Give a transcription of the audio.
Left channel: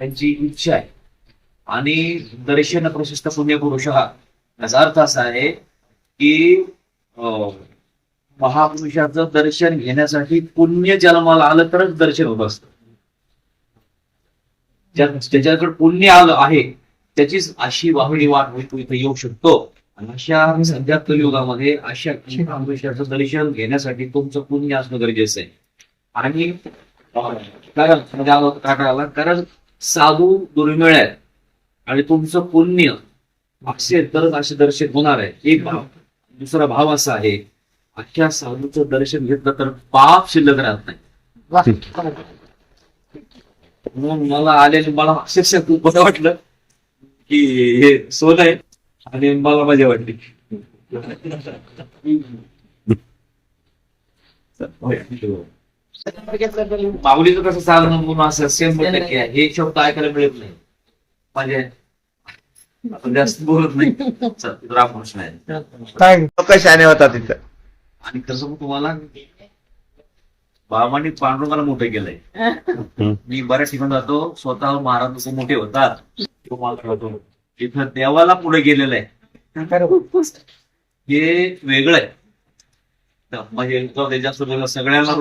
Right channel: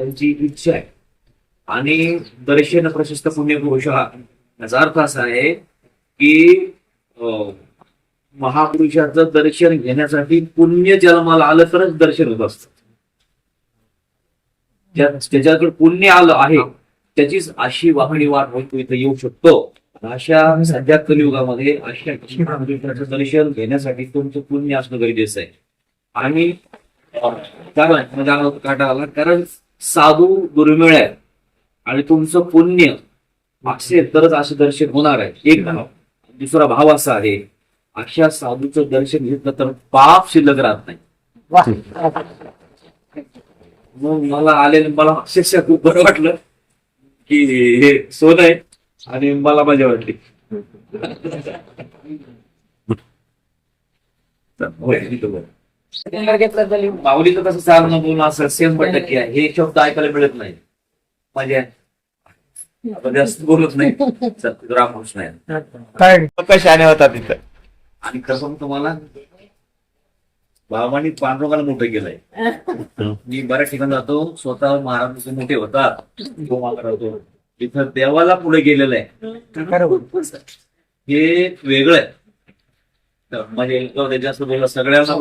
त्यांची इच्छा आहे. आणि दर्शन प्रशस्त पुण्यपुरुष याचा अर्थ असा आहे की महापुरुषाचं दर्शन घेण्यासाठी पुण्य जन्माला आलं तरच दर्शन होत असतं. ज्याच्याकडे पुण्य आलं आहे त्याचीच अशी वाहणी वाट होईल, इथं येऊ शकतो. आणि अशा सध्या कलियुगामध्ये अशा महापुरुषाचं दर्शन घेण्यासाठी तुमचं पुण्य असणं गरजेचं आहे. आणि कारण साधू दुर्मिळ आहे आणि तुमचं पुण्य असेल तरच असे दर्शन होणार आहे. एक भाव. दुसरा भाव असा आहे, अशा साधूचं दर्शन घेतलं तर पाप शिल्लक राहत नाही. म्हणून मला अक्षरशः खूप बरं वाटलं की हे सोनं आहे आणि मला मजा वाटली. माऊलीचं कसं चालणं बोलणं असं सेम टक्के आहे. हे शब्द ऐकायला मिळत नाही. म्हणजे आता जास्त बोलत नाही. रामकृष्ण आहे कशाने होता तिथं. आणि कसं तुम्हाला बाबांनी पांडुरंगाला मोठं केलंय. मी बऱ्याच ठिकाणी जातो, स्वतः महाराज मोठे होतात तिथं देवाला पुढे गेलेलं आहे. हे वेगळं आहे. म्हणजे जास्त सगळ्यांना